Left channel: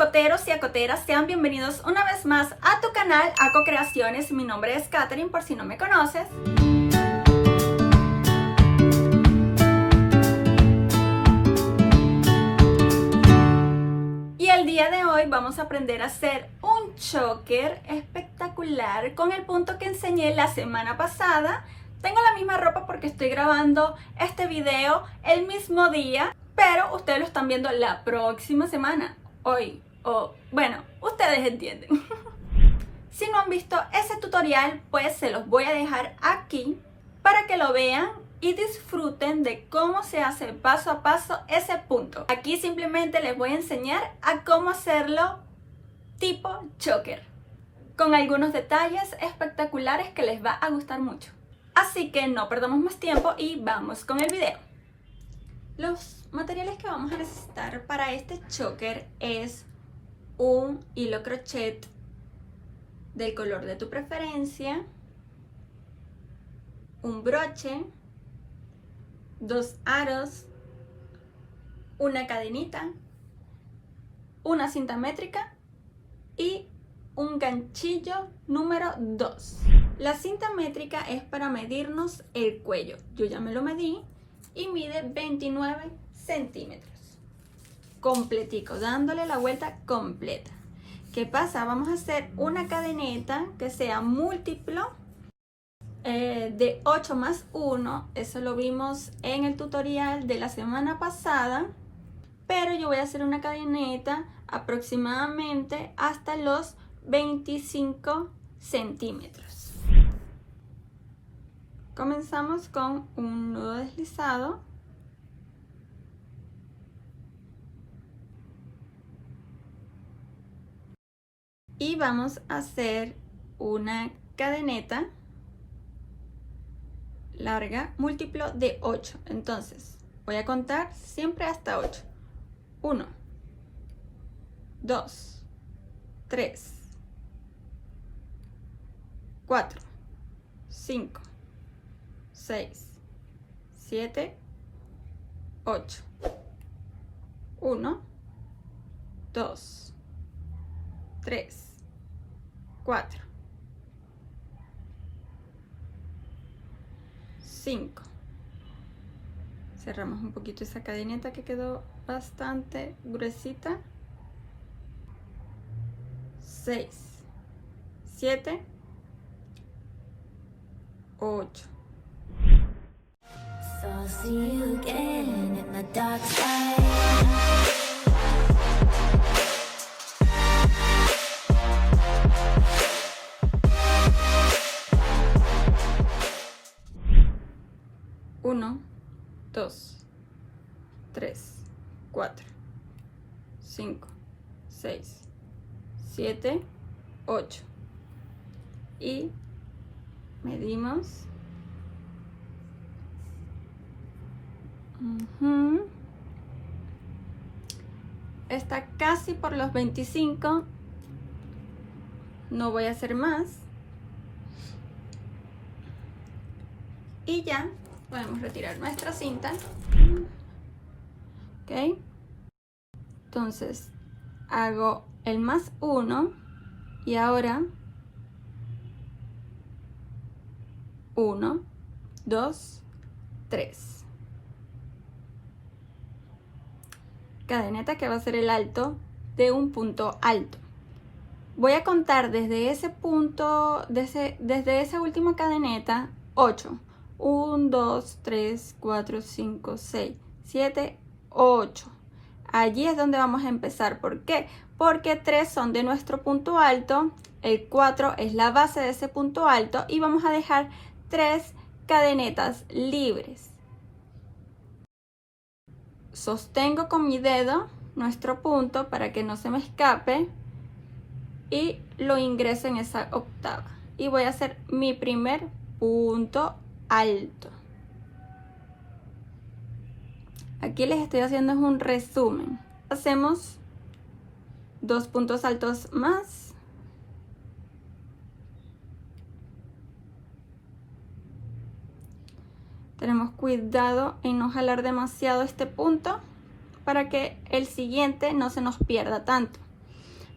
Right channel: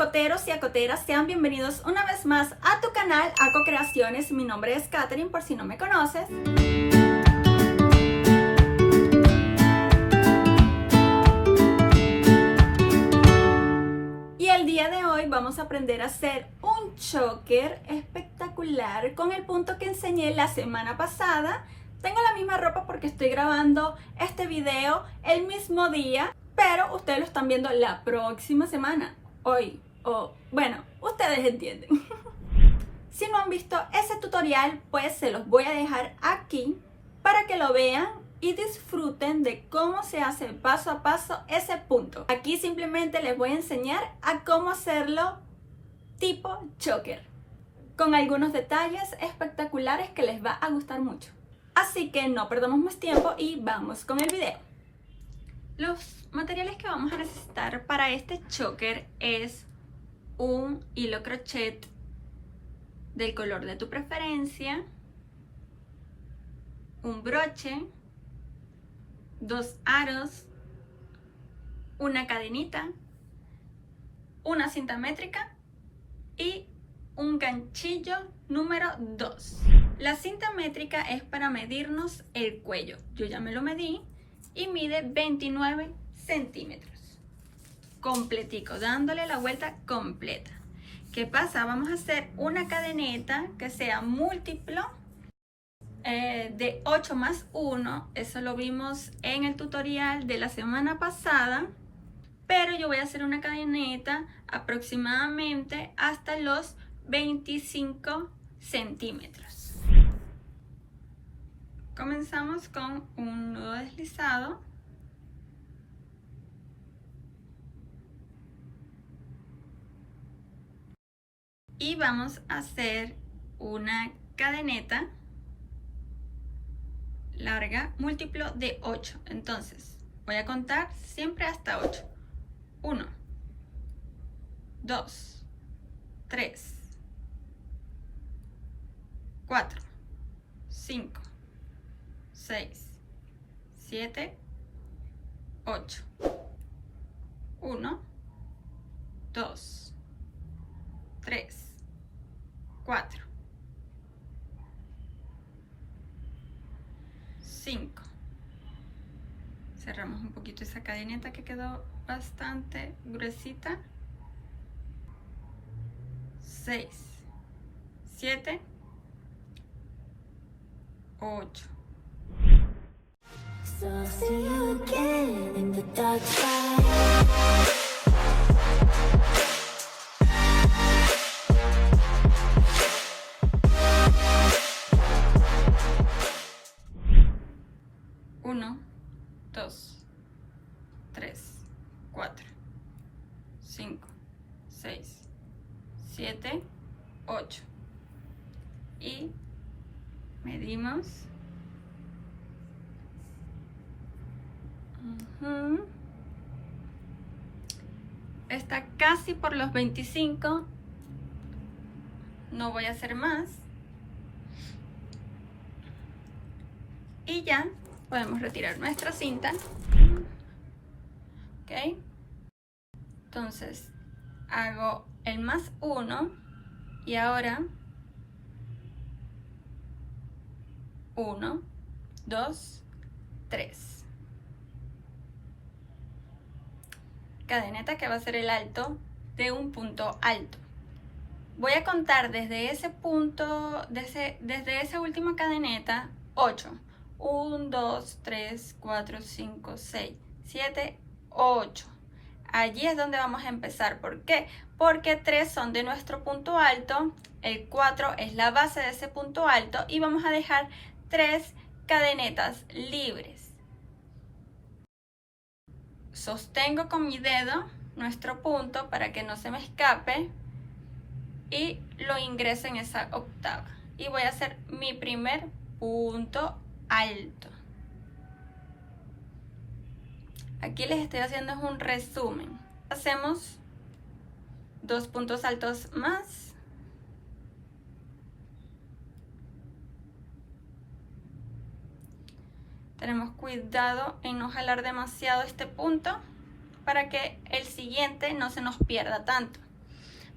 acoteros y acoteras, sean bienvenidos una vez más a tu canal Aco Creaciones. Mi nombre es Katherine, por si no me conoces. Y el día de hoy vamos a aprender a hacer un choker espectacular con el punto que enseñé la semana pasada. Tengo la misma ropa porque estoy grabando este video el mismo día, pero ustedes lo están viendo la próxima semana. Hoy, o bueno, ustedes entienden. Si no han visto ese tutorial, pues se los voy a dejar aquí para que lo vean y disfruten de cómo se hace paso a paso ese punto. Aquí simplemente les voy a enseñar a cómo hacerlo tipo choker, con algunos detalles espectaculares que les va a gustar mucho. Así que no perdamos más tiempo y vamos con el video. Los materiales que vamos a necesitar para este choker es un hilo crochet del color de tu preferencia, un broche, 2 aros, una cadenita, una cinta métrica y un ganchillo número 2. La cinta métrica es para medirnos el cuello. Yo ya me lo medí y mide 29 centímetros. Completico, dándole la vuelta completa. ¿Qué pasa? Vamos a hacer una cadeneta que sea múltiplo de 8 más 1. Eso lo vimos en el tutorial de la semana pasada. Pero yo voy a hacer una cadeneta aproximadamente hasta los 25 centímetros. Comenzamos con un nudo deslizado. Y vamos a hacer una cadeneta larga múltiplo de 8. Entonces voy a contar siempre hasta 8. 1, 2, 3, 4, 5, 6, 7, 8. 1, 2, 3, 4, 5. Cerramos un poquito esa cadeneta que quedó bastante gruesita. 6, 7, 8. So see you again in the dark side. 1, 2, 3, 4, 5, 6, 7, 8. Y medimos. Está casi por los 25. No voy a hacer más. Y ya podemos retirar nuestra cinta. Ok. Entonces hago el más 1 y ahora 1, 2, 3. Cadeneta que va a ser el alto de un punto alto. Voy a contar desde ese punto, desde esa última cadeneta, 8. 1, 2, 3, 4, 5, 6, 7, 8. Allí es donde vamos a empezar. ¿Por qué? Porque 3 son de nuestro punto alto, el 4 es la base de ese punto alto y vamos a dejar 3 cadenetas libres. Sostengo con mi dedo nuestro punto para que no se me escape y lo ingreso en esa octava. Y voy a hacer mi primer punto alto. Aquí les estoy haciendo un resumen. Hacemos 2 puntos altos más. Tenemos cuidado en no jalar demasiado este punto para que el siguiente no se nos pierda tanto.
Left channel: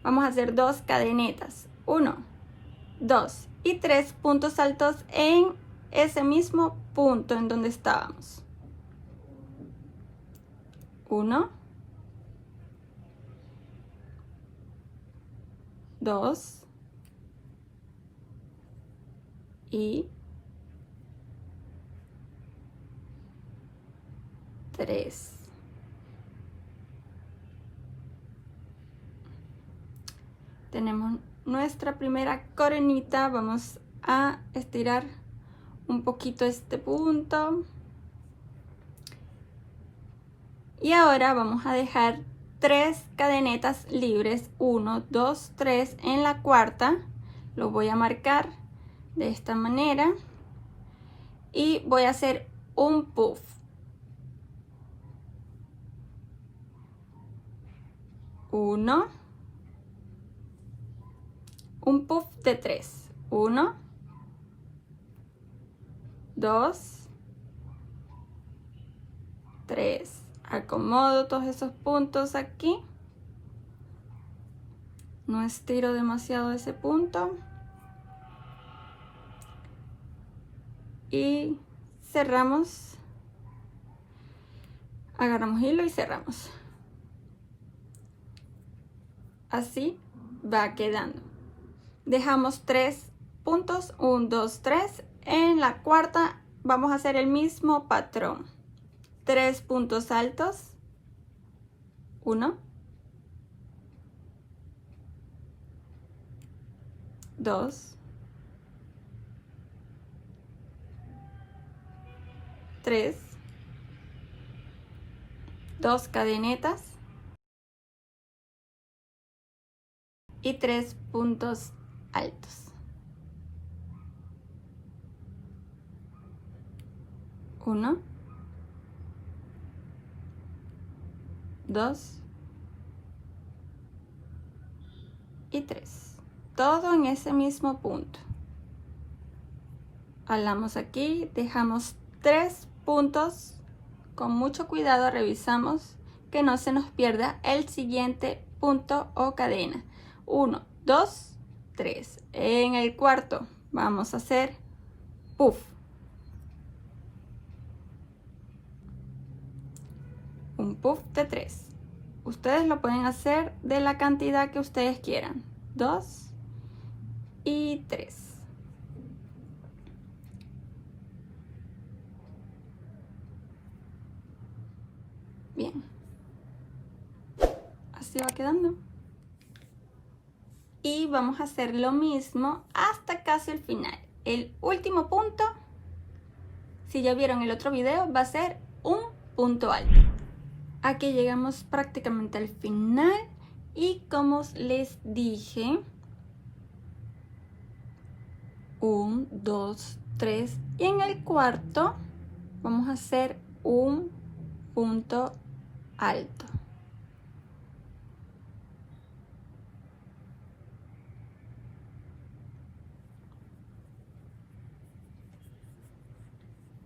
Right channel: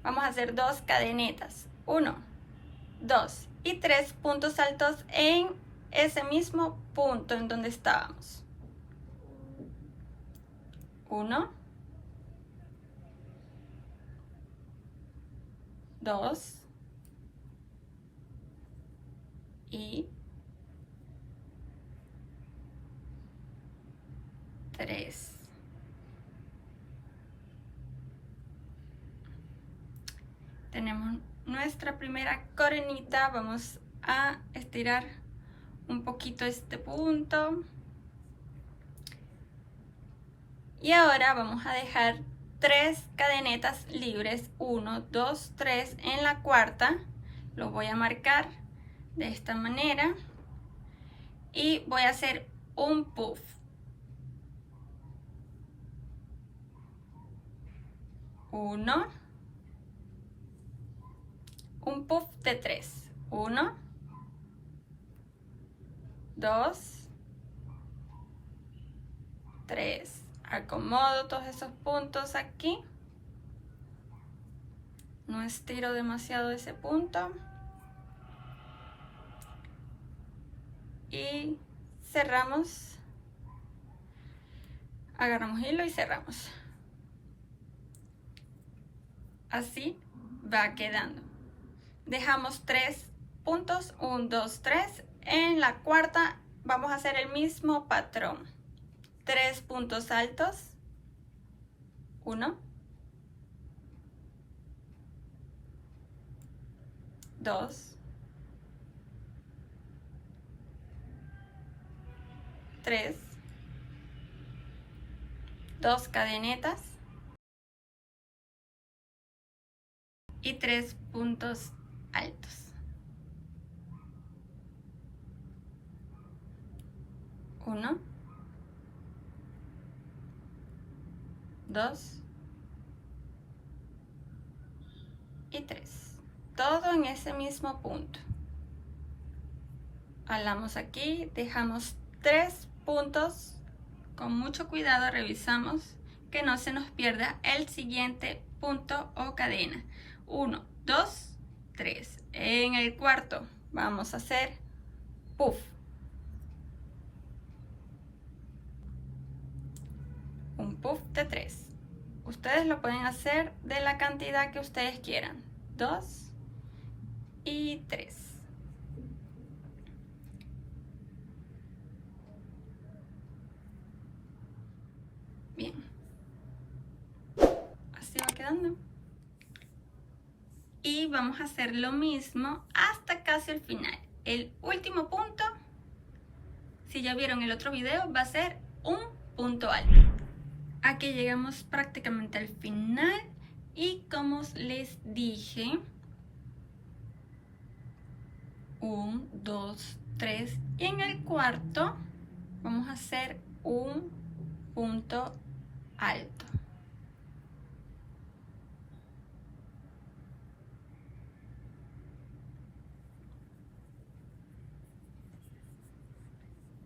vamos a hacer 2 cadenetas, 1, 2 y 3 puntos altos en ese mismo punto en donde estábamos. 1, 2 y 3. Tenemos nuestra primera coronita. Vamos a estirar un poquito este punto. Y ahora vamos a dejar 3 cadenetas libres. 1, 2, 3 en la cuarta. Lo voy a marcar de esta manera. Y voy a hacer un puff. 1, un puff de 3. 1, 2, 3. Acomodo todos esos puntos aquí. No estiro demasiado ese punto. Y cerramos. Agarramos hilo y cerramos. Así va quedando. Dejamos 3 puntos, 1, 2, 3. En la cuarta vamos a hacer el mismo patrón. 3 puntos altos. 1, 2, 3, 2 cadenetas y 3 puntos altos. 1, 2 y 3. Todo en ese mismo punto. Jalamos aquí, dejamos 3 puntos. Con mucho cuidado revisamos que no se nos pierda el siguiente punto o cadena. 1, 2, 3. En el cuarto vamos a hacer puff. Un puff de 3. Ustedes lo pueden hacer de la cantidad que ustedes quieran. 2 y 3. Bien. Así va quedando. Y vamos a hacer lo mismo hasta casi el final. El último punto, si ya vieron el otro video, va a ser un punto alto. Aquí llegamos prácticamente al final y como les dije, 1, 2, 3 y en el cuarto vamos a hacer un punto alto.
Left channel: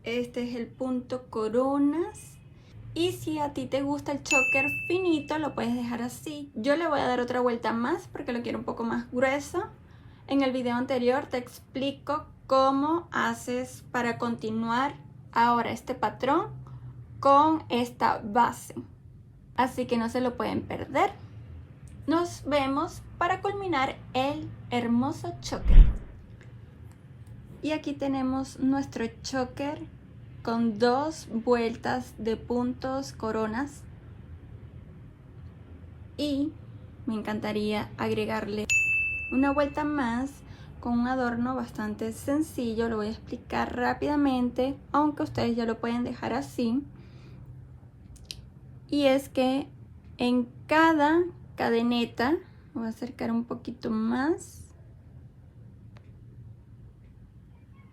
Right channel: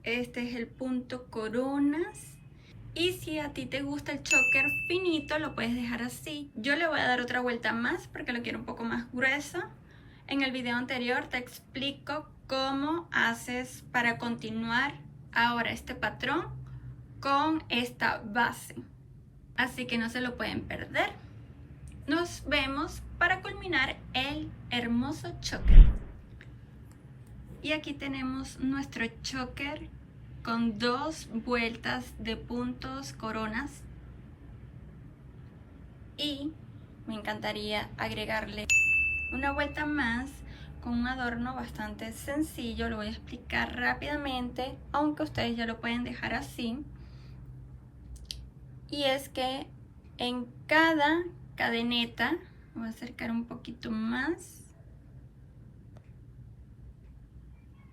Este es el punto coronas. Y si a ti te gusta el choker finito, lo puedes dejar así. Yo le voy a dar otra vuelta más porque lo quiero un poco más grueso. En el video anterior te explico cómo haces para continuar ahora este patrón con esta base. Así que no se lo pueden perder. Nos vemos para culminar el hermoso choker. Y aquí tenemos nuestro choker con 2 vueltas de puntos coronas. Y me encantaría agregarle una vuelta más con un adorno bastante sencillo. Lo voy a explicar rápidamente, aunque ustedes ya lo pueden dejar así. Y es que en cada cadeneta, voy a acercar un poquito más,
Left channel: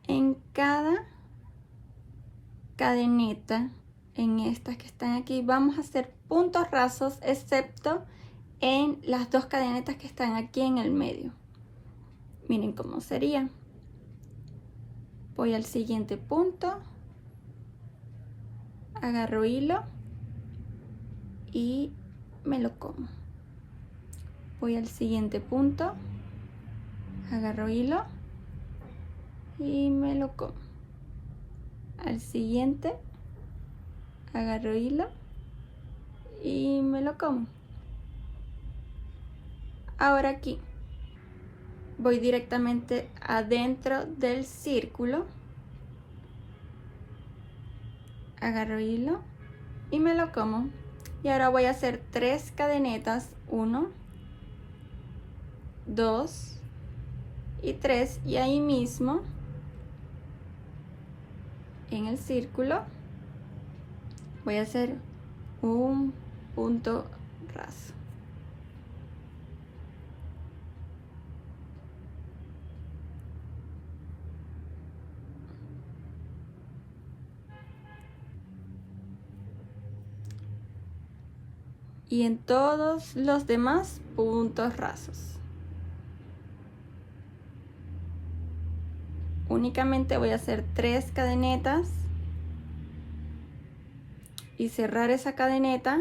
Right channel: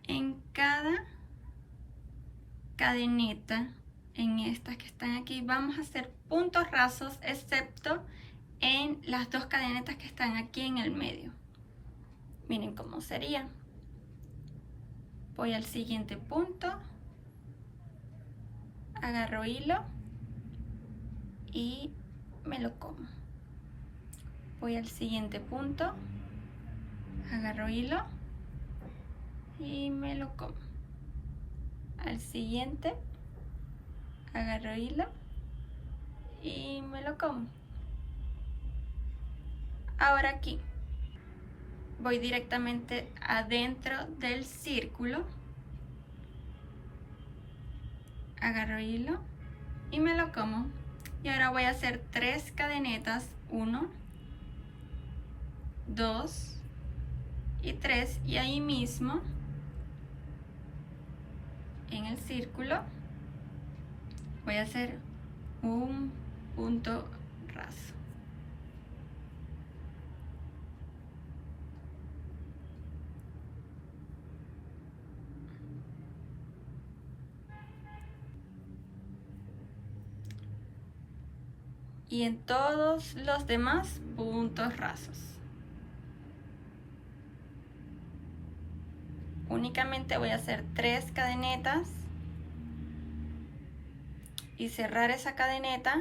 en cada cadeneta, en estas que están aquí, vamos a hacer puntos rasos, excepto en las 2 cadenetas que están aquí en el medio. Miren cómo sería. Voy al siguiente punto, agarro hilo y me lo como. Voy al siguiente punto, agarro hilo y me lo como. Al siguiente, agarro hilo y me lo como. Ahora aquí voy directamente adentro del círculo, agarro hilo y me lo como. Y ahora voy a hacer 3 cadenetas, 1, 2 y 3, y ahí mismo en el círculo voy a hacer un punto raso. Y en todos los demás puntos rasos. Únicamente voy a hacer 3 cadenetas y cerrar esa cadeneta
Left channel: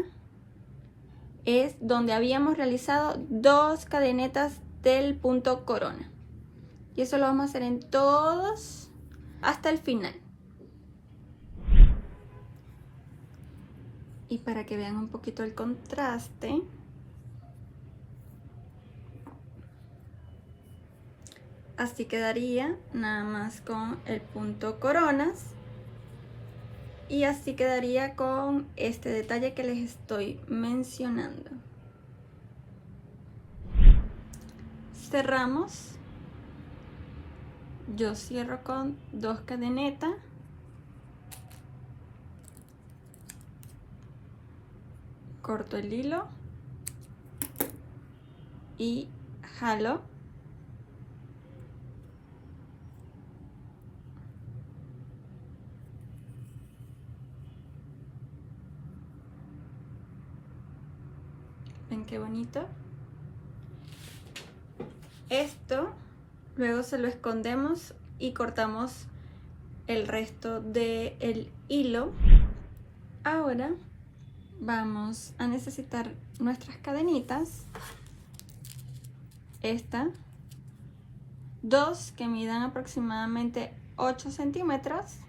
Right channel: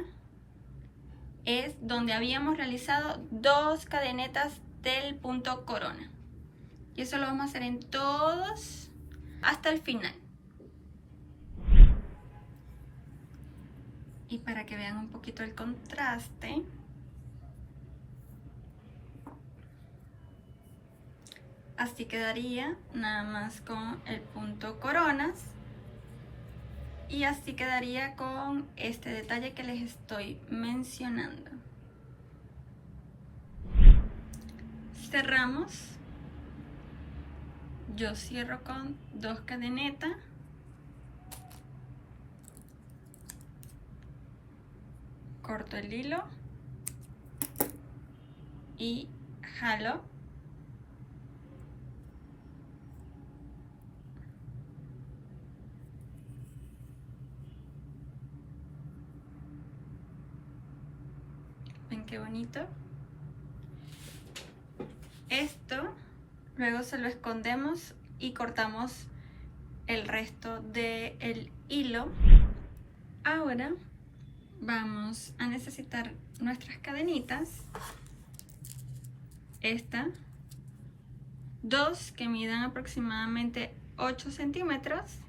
es donde habíamos realizado 2 cadenetas del punto corona. Y eso lo vamos a hacer en todos hasta el final. Y para que vean un poquito el contraste, así quedaría nada más con el punto coronas, y así quedaría con este detalle que les estoy mencionando. Cerramos. Yo cierro con 2 cadenetas, corto el hilo y jalo. ¿Ven qué bonito? Esto luego se lo escondemos y cortamos el resto del hilo. Ahora vamos a necesitar nuestras cadenitas. Esta, 2 que midan aproximadamente 8 centímetros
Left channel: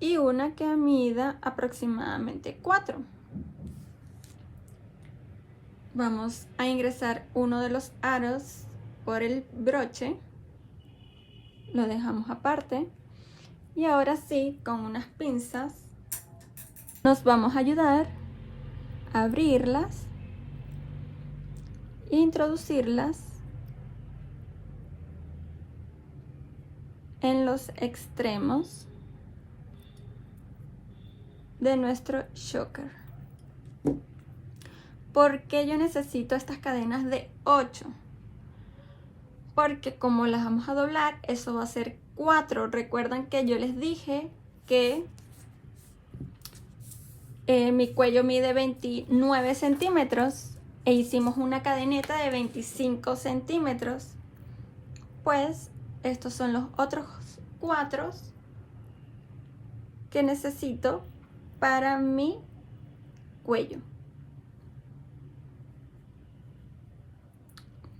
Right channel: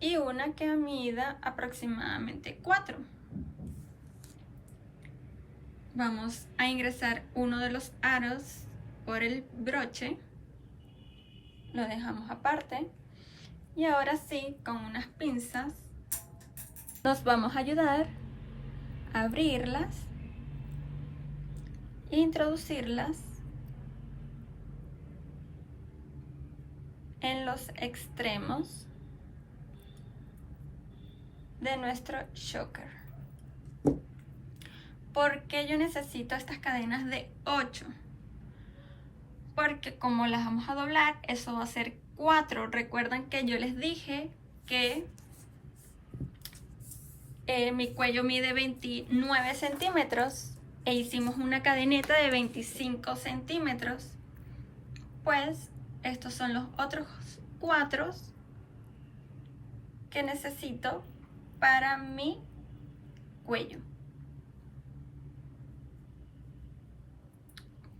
y una que mida aproximadamente 4. Vamos a ingresar uno de los aros por el broche, lo dejamos aparte, y ahora sí, con unas pinzas nos vamos a ayudar a abrirlas e introducirlas en los extremos de nuestro choker. ¿Por qué yo necesito estas cadenas de 8? Porque como las vamos a doblar, eso va a ser 4. Recuerdan que yo les dije que mi cuello mide 29 centímetros e hicimos una cadeneta de 25 centímetros. Pues estos son los otros 4 que necesito para mi cuello.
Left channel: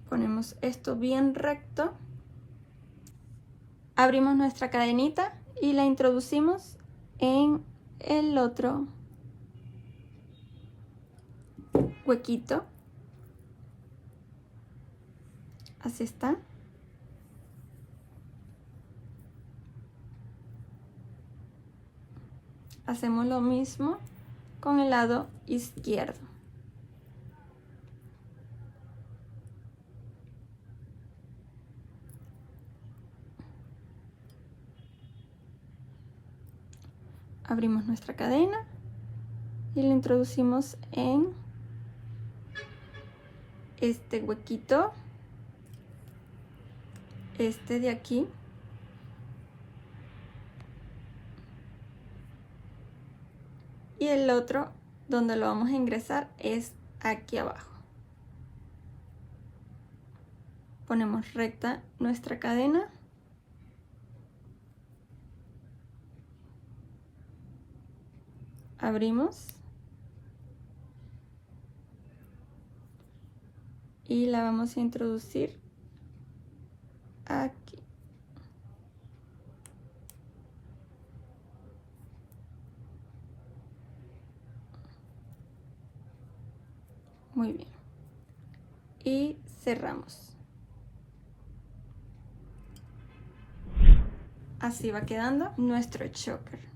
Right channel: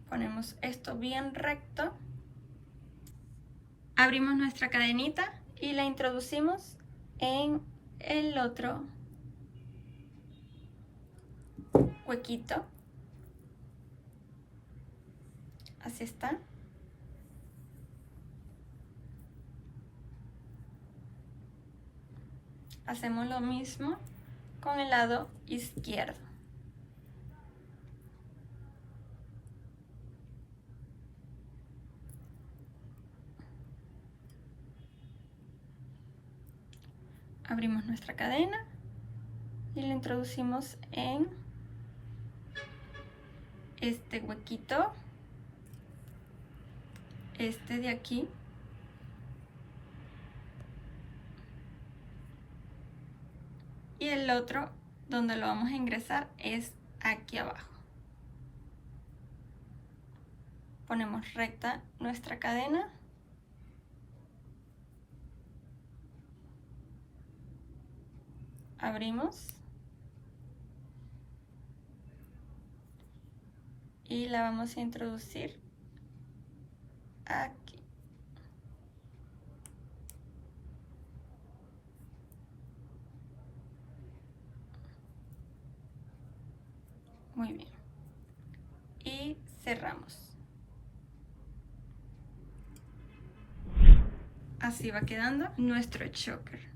Ponemos esto bien recto, abrimos nuestra cadenita y la introducimos en el otro huequito. Así está. Hacemos lo mismo con el lado izquierdo. Abrimos nuestra cadena y la introducimos en este huequito, este de aquí, y el otro donde lo vamos a ingresar es aquí abajo. Ponemos recta nuestra cadena. Abrimos. y la vamos a introducir aquí. Muy bien. Y cerramos. Así va quedando nuestro choker.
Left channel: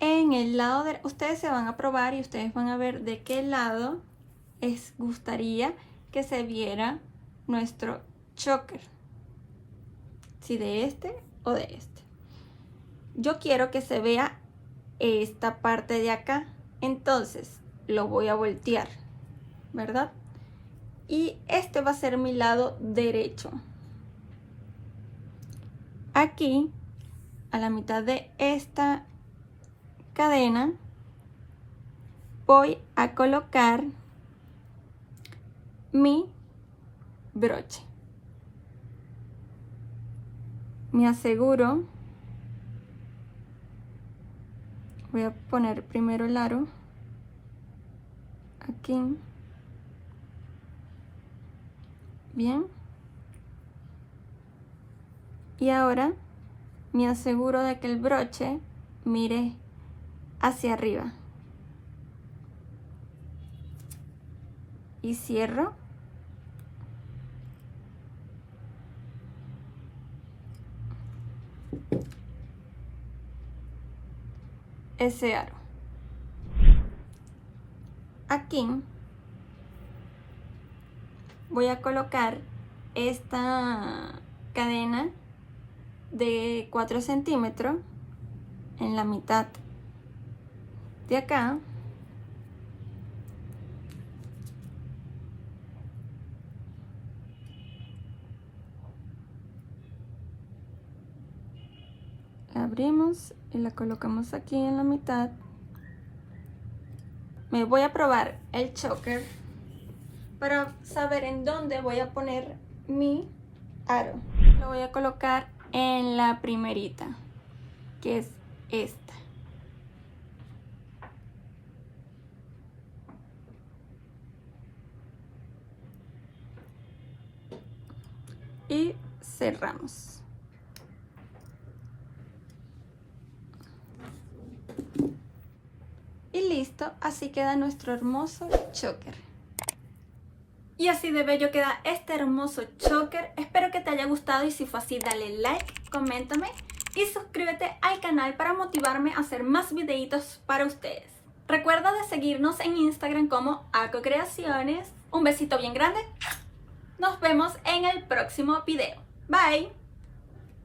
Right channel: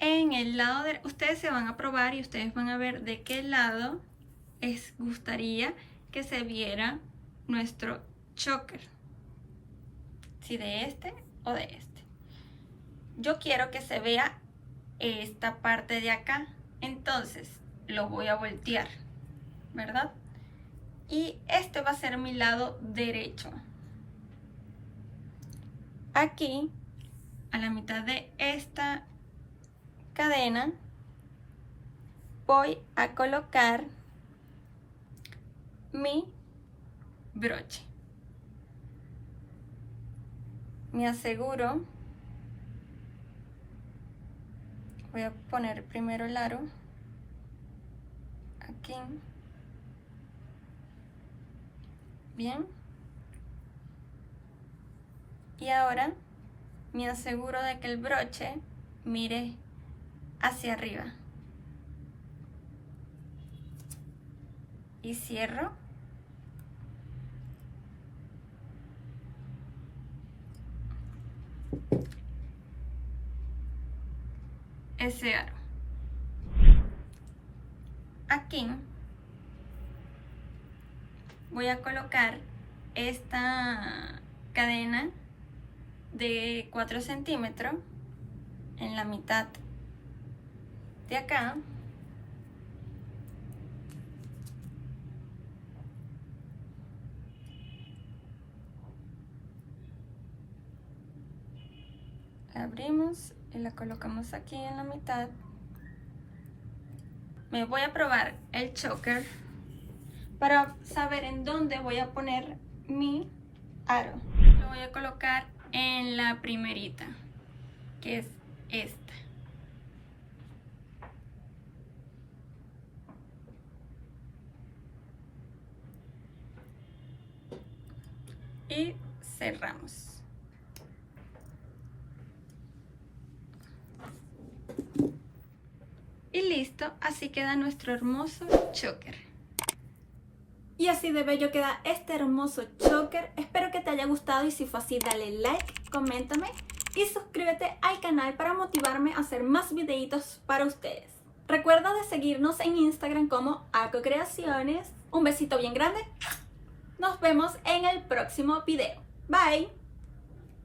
En el lado de ustedes se van a probar y ustedes van a ver de qué lado les gustaría que se viera nuestro choker. Si de este o de este. Yo quiero que se vea esta parte de acá, entonces lo voy a voltear, ¿verdad? Y este va a ser mi lado derecho. Aquí, a la mitad de esta cadena, voy a colocar mi broche. Me aseguro. Voy a poner primero el aro aquí. Bien. Y ahora me aseguro de que el broche mire hacia arriba. Y cierro. Ese aro. Aquí voy a colocar esta cadena de 4 centímetros en la mitad de acá. La abrimos y la colocamos aquí en la mitad. Me voy a probar el choker para saber en dónde voy a poner mi aro. Lo voy a colocar en la primerita, que es esta. Y cerramos. Y listo, así queda nuestro hermoso choker. Y así de bello queda este hermoso choker. Espero que te haya gustado y si fue así dale like, coméntame y suscríbete al canal para motivarme a hacer más videitos para ustedes. Recuerda de seguirnos en Instagram como Ako Creaciones. Un besito bien grande. Nos vemos en el próximo video. Bye.